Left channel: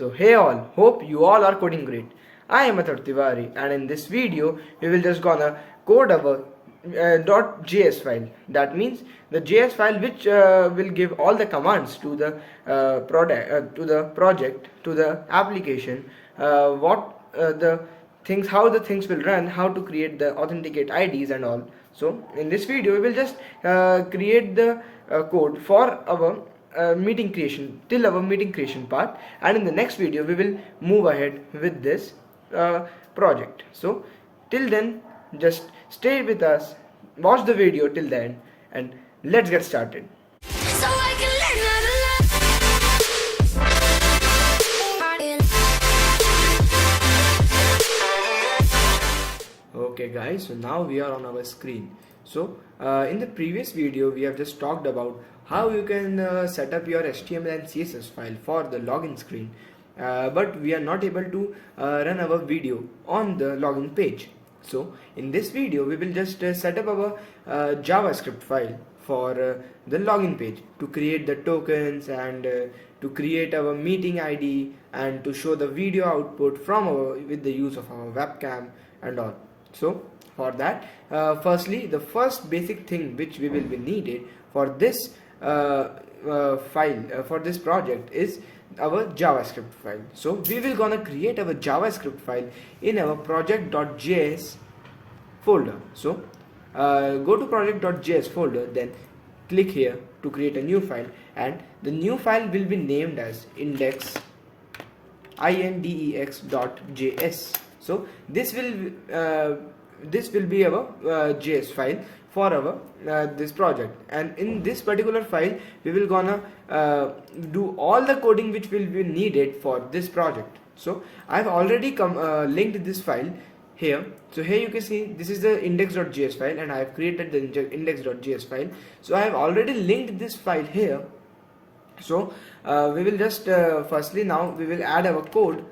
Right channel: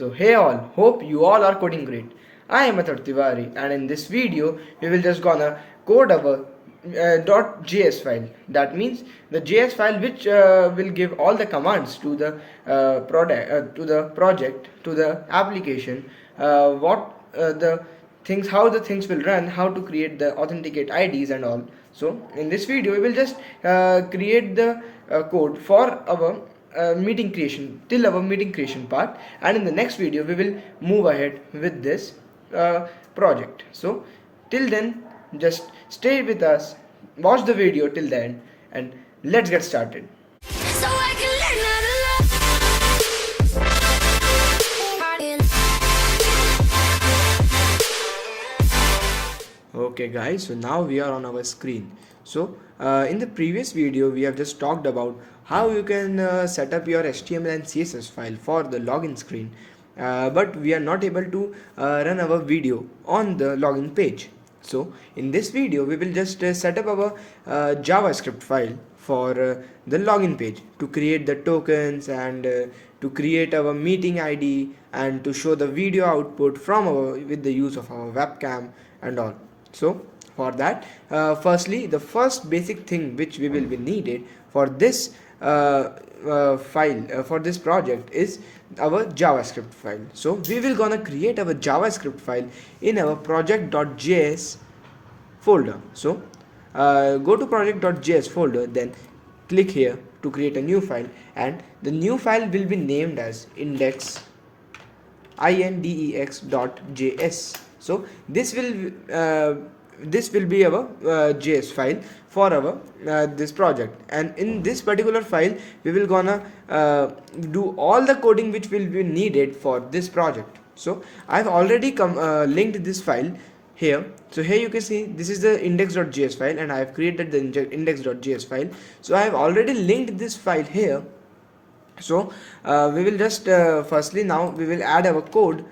So hey all, hope you all are coding great. I am Athar Tiwari and in this video we will just gonna code our .js file. That means the JS file which will give all the commands to the to the project, to the application, the things, how the things will run, how to create the authenticate IDs and all. So in this video we will just create the code for our meeting creation, till our meeting creation part, and in the next video we will move ahead with this project. So till then, just stay with us, watch the video till the end, and let's get started. So I can learn how to love. Okay guys, so now we are on our screen. So in the previous video we have just talked about how you can set up your HTML and CSS file for the login screen, but we are not able to run our video on the login page. So in this video we will just set up our JavaScript file for the login page to create the tokens and to create our meeting ID and to show the video output from our with the use of our webcam and all. So for that, firstly, the first basic thing which we will be needed for this file, for this project, is our JavaScript file. So we will gonna create our JavaScript file in our project.js folder. So go to project.js folder, then click here to create a new file, and the new file will be named as index.js. So this will be our JS file for our this project, and in this particular file we will gonna do all the coding which will be needed for this project. So I have already linked this file here. So here you can see this is the index.js file, and I have created the index.js file. So I have already linked this file here. So we will just firstly now we will add our code.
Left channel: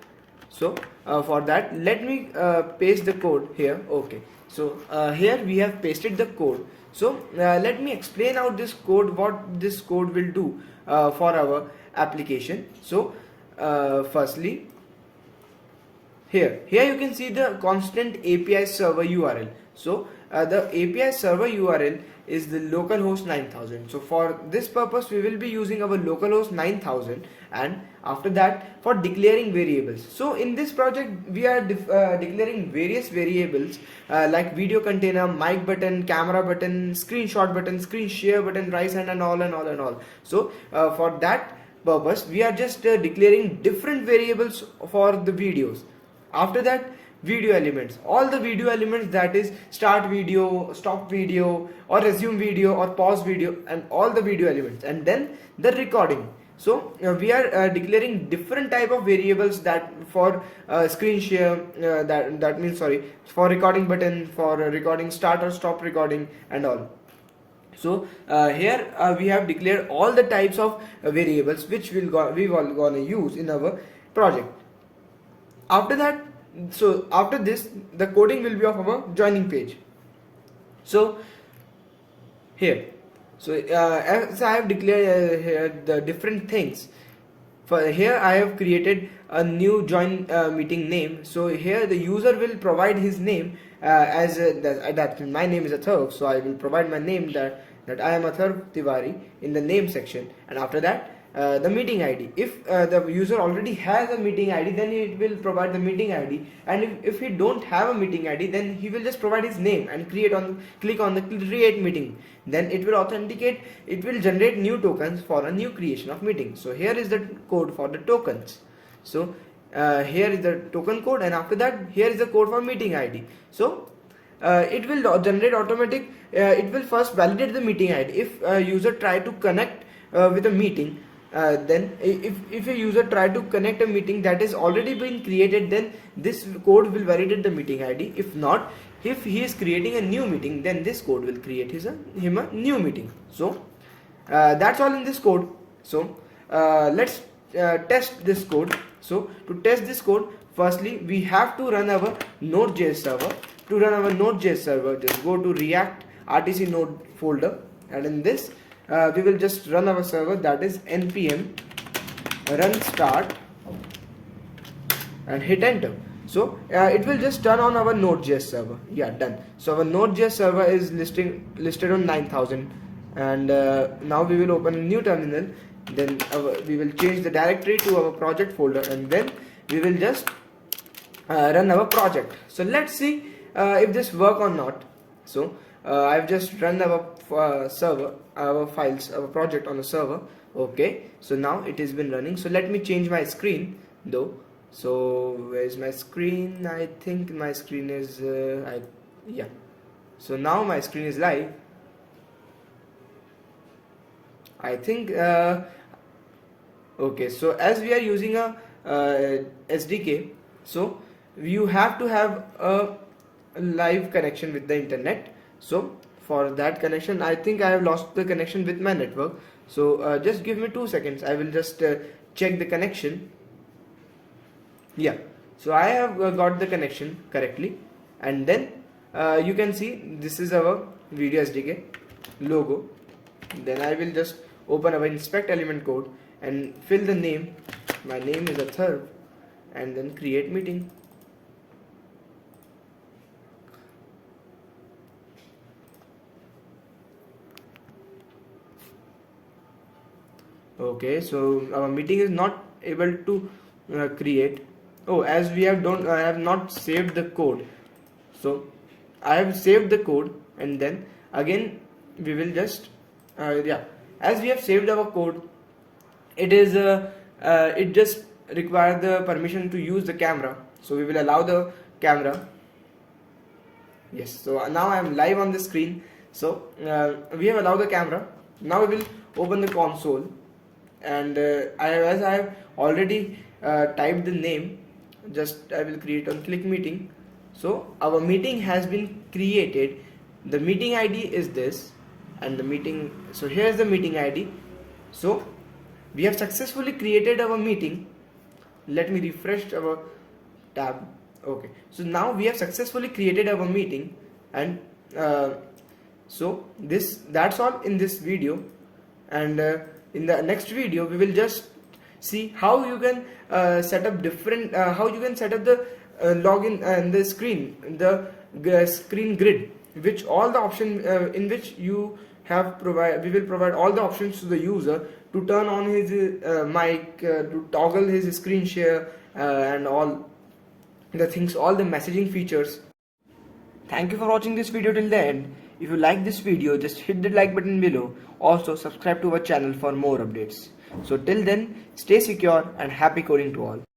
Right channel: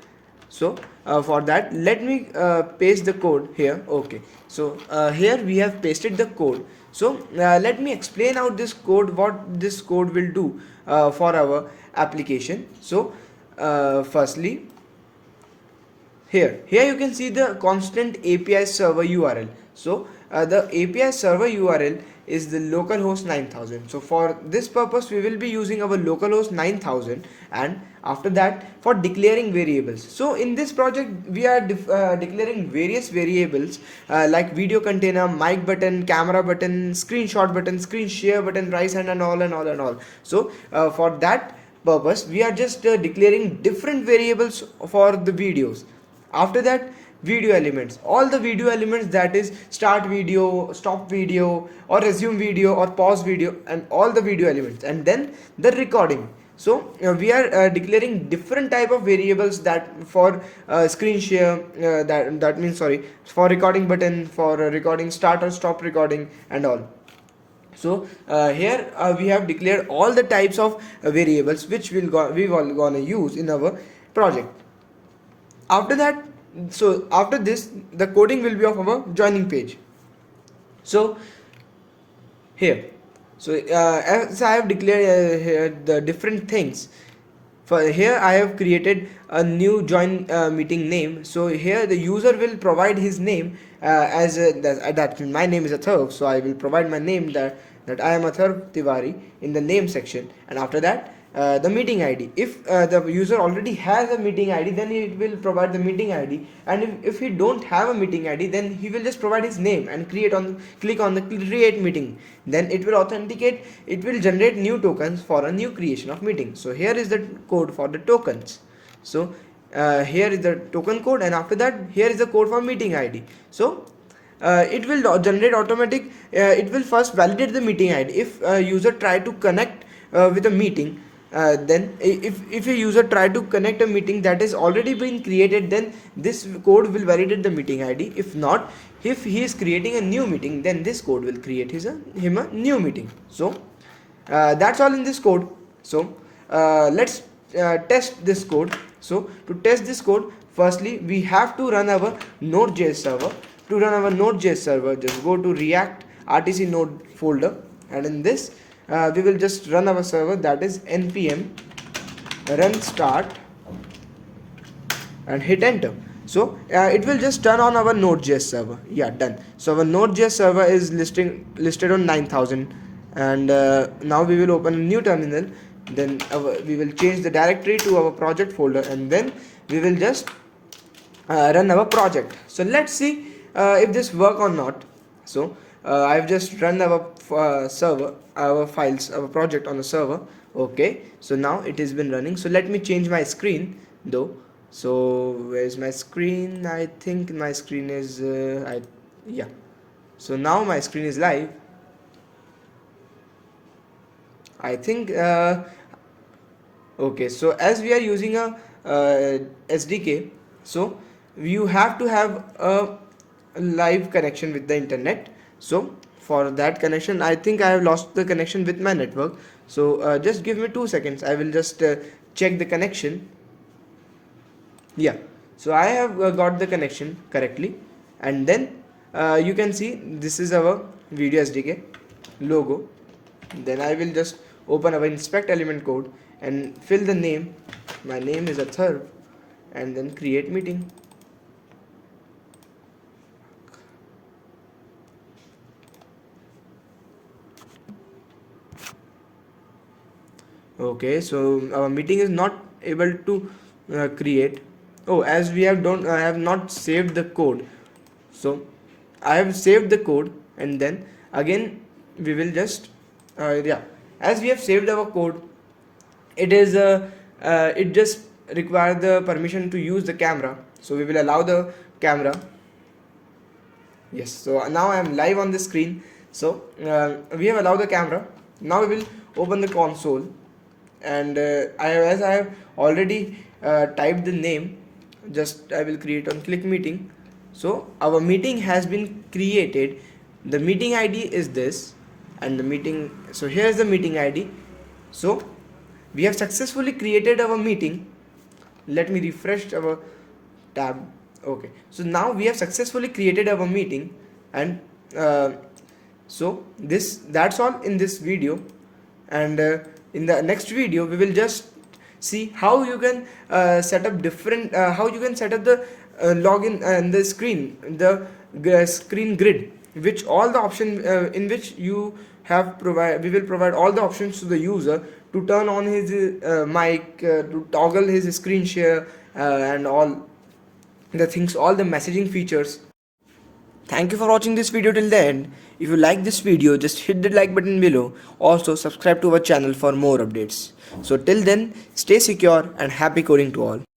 So for that, let me paste the code here. Okay, so here we have pasted the code. So let me explain out this code, what this code will do for our application. So firstly, here you can see the constant API server URL. So the API server URL is the localhost 9000. So for this purpose we will be using our localhost 9000, and after that for declaring variables. So in this project we are declaring various variables like video container, mic button, camera button, screenshot button, screen share button, rise hand, and all. So for that purpose we are just declaring different variables for the videos. After that, video elements, all the video elements, that is start video, stop video, or resume video, or pause video, and all the video elements, and then the recording. So we are declaring different type of variables that for screen share, that means for recording button, for recording start or stop recording, and all. So here we have declared all the types of variables which we will gonna use in our project. After that, so after this, the coding will be of our joining page. So here, so as I have declared here the different things. For here I have created a new join meeting name. So here the user will provide his name that my name is Athar. So I will provide my name that I am Athar Tiwari in the name section, and after that the meeting ID. If the user already has a meeting ID, then it will provide the meeting ID, and if he don't have a meeting ID, then he will just provide his name and click on the create meeting. Then it will authenticate, it will generate new tokens for a new creation of meeting. So here is the code for the tokens. So here is the token code, and after that here is the code for meeting ID. So it will generate automatic, it will first validate the meeting ID. If a user try to connect with a meeting, then if a user try to connect a meeting that is already been created, then this code will validate the meeting ID. If not, if he is creating a new meeting, then this code will create him a new meeting. So that's all in this code. So let's test this code. So to test this code, firstly we have to run our Node.js server. To run our Node.js server, just go to React RTC Node folder, and in this we will just run our server, that is npm run start and hit enter. So it will just turn on our Node.js server. Yeah, done. So our Node.js server is listed on 9000, and now we will open a new terminal. Then we will change the directory to our project folder, and then we will just run our project. So let's see if this work or not. So I've just run our server, our files, our project on the server. Okay, so now it has been running. So let me change my screen though. So where's my screen? I think my screen is yeah. So now my screen is live. I think okay, so as we are using a SDK, so you have to have a live connection with the internet. So for that connection, I think I have lost the connection with my network. So just give me 2 seconds. I will just check the connection. Yeah, so I have got the connection correctly, and then you can see this is our video SDK logo. Then I will just open our inspect element code and fill the name. My name is Athar, and then create meeting. Okay, so our meeting is not able to create. Oh, as we have don't I have not saved the code. So I have saved the code, and then again we will just yeah, as we have saved our code, it is it just requires the permission to use the camera. So we will allow the camera. Yes, so now I am live on the screen. So we have allowed the camera. Now we will open the console, and as I have already typed the name, just I will create on click meeting. So our meeting has been created. The meeting ID is this, and the meeting, so here's the meeting ID. So we have successfully created our meeting. Let me refresh our tab. Okay, so now we have successfully created our meeting, and so that's all in this video. And in the next video we will just see how you can set up different how you can set up the login and the screen, the screen grid, which all the option in which you have we will provide all the options to the user to turn on his mic, to toggle his screen share, and all the things, all the messaging features. Thank you for watching this video till the end. If you like this video, just hit the like button below. Also subscribe to our channel for more updates. So till then, stay secure and happy coding to all.